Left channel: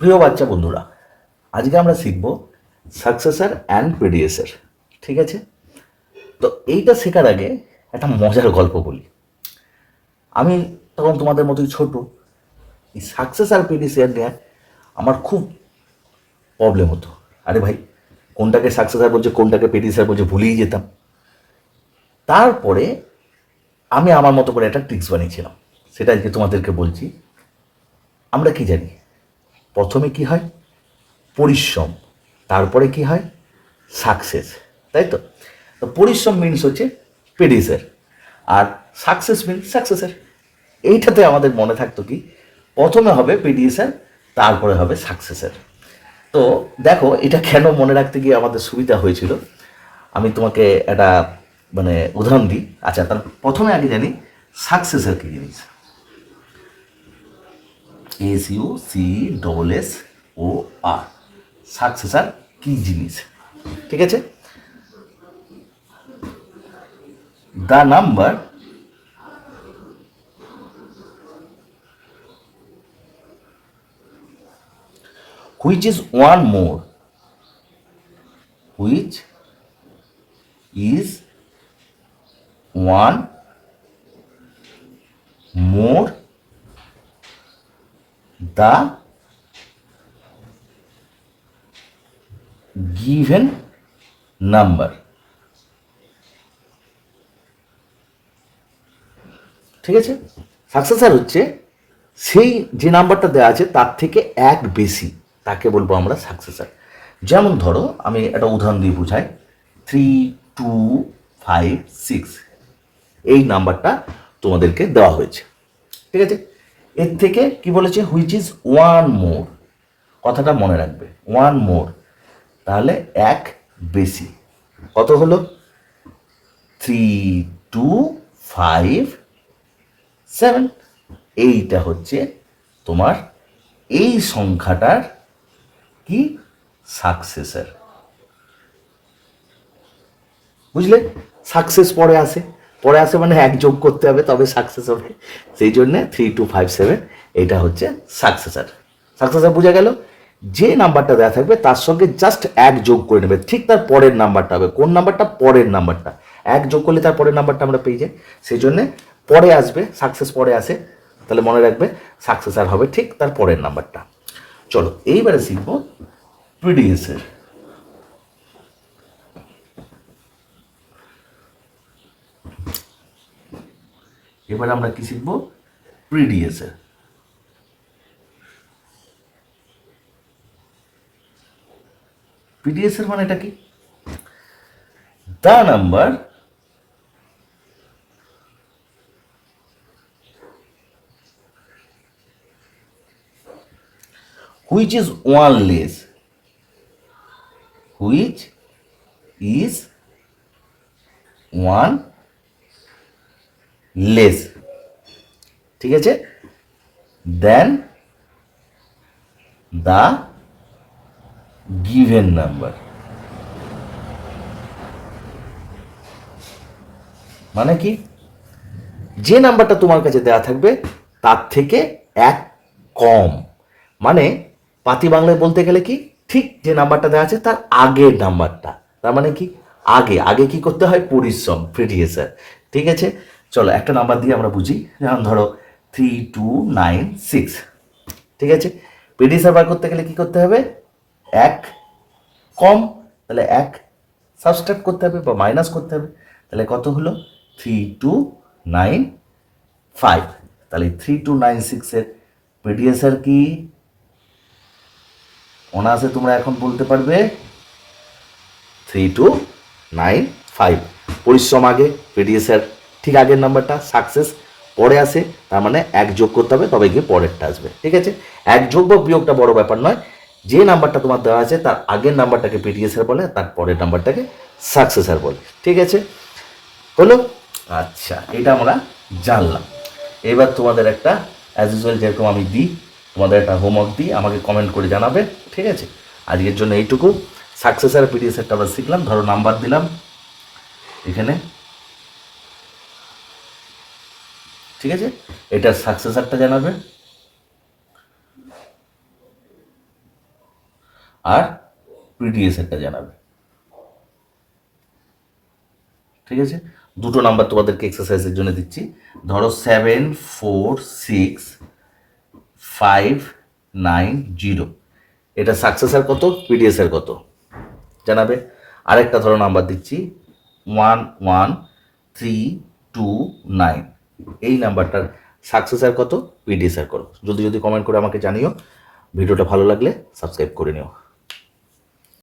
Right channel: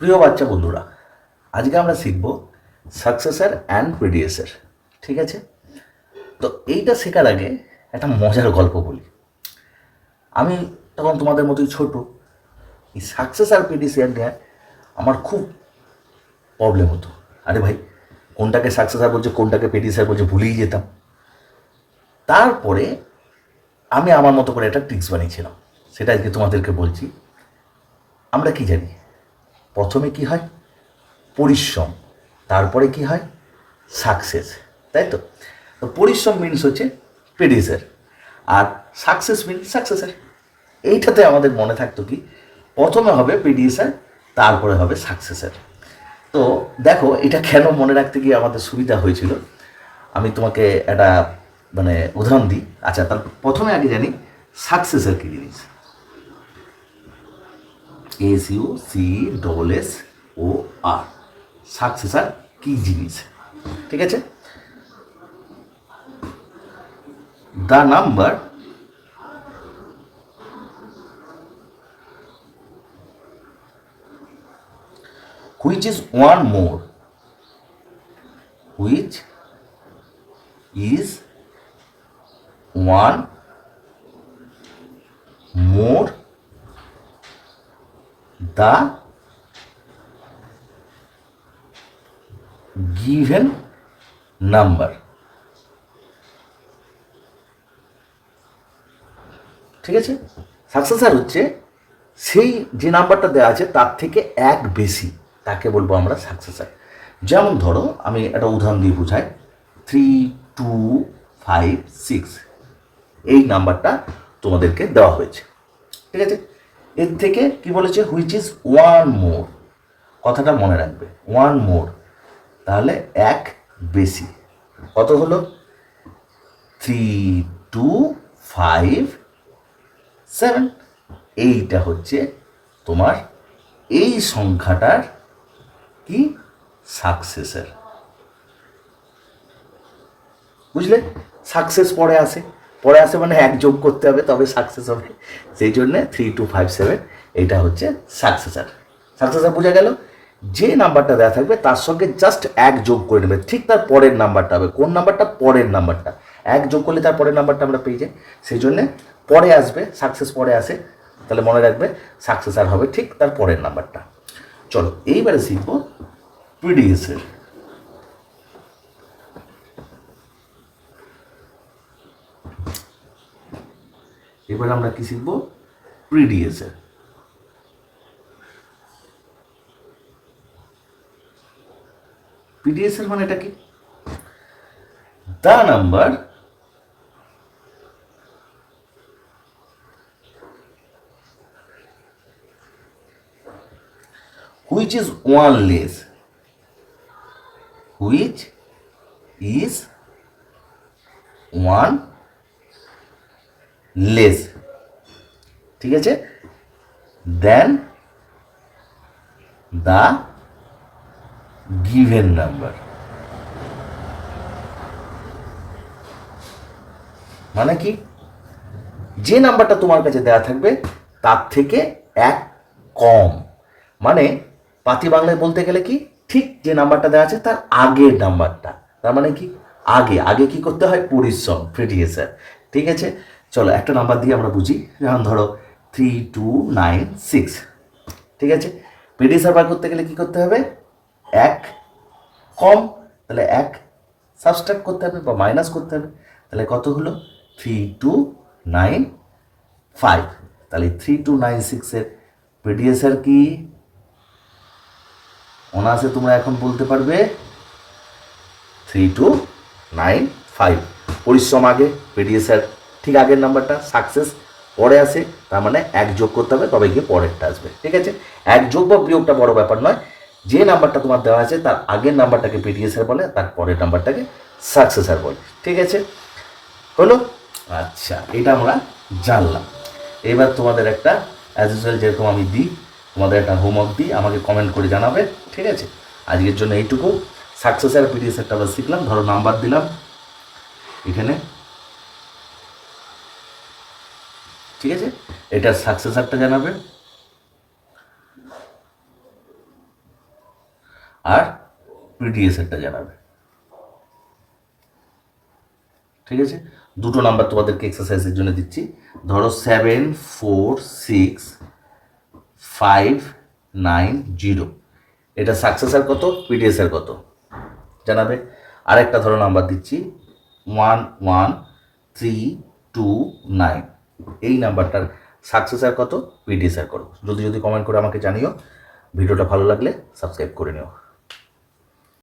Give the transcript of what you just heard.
প্রিয় বাচ্চা বন্ধুরা, আজকে আমরা শিখব সাকসেসর অ্যান্ড প্রিডিসেসর। ঠিক আছে? তো এইটা শেখার আগে একটা মজার গল্প বলি। আমি তখন তোমাদের মতোই ছোট, এই সাকসেসর প্রিডিসেসর নিয়ে আমার খুব প্রবলেম হতো। আরে ভাই, কোনটাকে সাকসেসর বলছে কোনটাকে প্রিডিসেসর বলছে ভুলেই যেতাম। তারপরে আমি আমার মতো করে একটা ট্রিক্স বানিয়েছিলাম, সেটা আজকে তোমাদেরকে বলছি। আমরা কি জানি, প্রথমে কি হয়? পরিশ্রম, তারপরে কি হয়? সাকসেস, তাই তো? তো পরিশ্রম মিনস হচ্ছে প্রেডিসার, আর সাকসেস মিনস সাকসেসার। এইটাতে আমাদের মনে থাকতো কি, প্রথমে হবে প্রেডিসার, তারপরে হবে সাকসেসার। তো দেখো, এটা কেন মনে রাখতে গিয়ে আমাদের সুবিধা হয়েছিল, আমি তোমাকে একটা উদাহরণ দিই। আচ্ছা, তার প্রথমে আগে জানি সাকসেসার কী জিনিস। SUCSSOR, সাকসেসার কী জিনিস? ঠিক আছে? the number which is one more, which is one more the given number। ঠিক আছে? সাকসেসার হচ্ছে সেই যে নাম্বারটা দেওয়া আছে তার থেকে এক বেশি, তাকে বলবো আমরা সাকসেসার। যেমন ধরো, আমি একটা উদাহরণ দিয়ে বুঝাই। 3256 এই নাম্বারটা তোমাদেরকে দেওয়া হয়েছে। ঠিক আছে? এর থেকে কি বলেছে? Which is one more. কথাটা মনে রাখবে, ওয়ান মোর, তাহলে এক বেশি। কত হলো? 3257। এইটা হচ্ছে তোমার এই সংখ্যাটার কি? সাকসেসর। বুঝলে? সাকসেস পরে আসে, পরে আসে মানে এক যোগ করতে হবে তবে সাকসেস হবে। সেই জন্যে 3257 এটা হচ্ছে সাকসেসর। সাকসেসর বোঝা গেল? যে নাম্বারটা দেওয়া থাকবে তার সঙ্গে জাস্ট এক যোগ করে নেবে, ঠিক তার পরের নাম্বারটা হবে। কোন নাম্বারটা? পরের নাম্বারটা। এক যোগ করলে তার পরের নাম্বারটা আমরা পেয়ে যাই। সেই জন্যে পরে আসবে, সাকসেস পরে আসে, তাহলে মনে রাখবে সাকসেসর হবে ঠিক তার পরের নাম্বারটা। চলো এইবারে শিখবো প্রিডিসেসর। এবার আমরা কি শিখব? প্রিডিসেসর। প্রিডিসেসর মানে এটা কি? The number which is one less, which is one less, ঠিক আছে, দেন দ্য গিভেন নাম্বার। মানে কি? যে নাম্বারটা তোমার কাছে দেওয়া থাকবে তার থেকে এক কম। মানে পাতি বাংলায় বলতে গেলে কি, ঠিক যে নাম্বারটা দেওয়া আছে তার আগের নাম্বারটা। তার মানে কি? আগে আগে কি করতে হয়? পরিশ্রম, প্রিডিসেসর। ঠিক আছে? চলো একটা নাম্বার দিয়ে আমরা বুঝি। যেমন ধরো 3296। ঠিক আছে? প্রিডিসেসর বার করতে গেলে কি করতে হবে? এক কম, তাহলে এক সাবস্ট্রাক্ট করতে হবে বা মাইনাস করতে হবে। তাহলে কত হলো? 3295। তাহলে 3296-এর প্রিডিসেসর কি? অনায়াসে তোমরা এখন বলতে পারবে 3295। পরিশ্রম আগে, প্রিডিসেসর ঠিক আগের নাম্বারটা, সাকসেস পরে আসে, তার মানে এক যোগ করতে হবে তবে গিয়ে পরেরটা আসবে। ঠিক আছে? এক যোগ বা বিয়োগটা বড় ব্যাপার নয়, যে নাম্বারটা তোমার দেওয়া আছে তার আগের নাম্বারটাকে প্রিডিসেসর বলে, তার পরের নাম্বারটাকে সাকসেসর বলে। ঠিক আছে? হলো? আচ্ছা, এটা আমরা জানলাম। এবার তোমাদের একটা অ্যাজ ইউজুয়াল যেরকম আমি দিই, তোমাদের একটা হোমওয়ার্ক দিই, আমাকে কমেন্ট করে জানাবে। ঠিক আছে? আজকের জন্য এইটুকু। সাকসেসর প্রিডিসেসরটা আমরা শিখলাম। ধরো নাম্বার দিলাম এখানে, ঠিক আছে? এটা সাকসেসরটা জানাবে। আর পিডিএসেরটা জানাবে। ঠিক আছে, দুটো নাম্বার তোমাদেরকে এক্সারসাইজের জন্য দিচ্ছি। ধরো 7 4 6 5 9 0, এটা সাকসেসার কত, পিডিএসের কত জানাবে। আরেকটা ধরো নাম্বার দিচ্ছি 1 1 3 2 9, এই নাম্বারটার সাকসেসার কত, পিডিএসের কত। যদি কমেন্ট করে আমাকে জানিও। ভিডিওটা ভালো লাগলে সাবস্ক্রাইব করে নিও।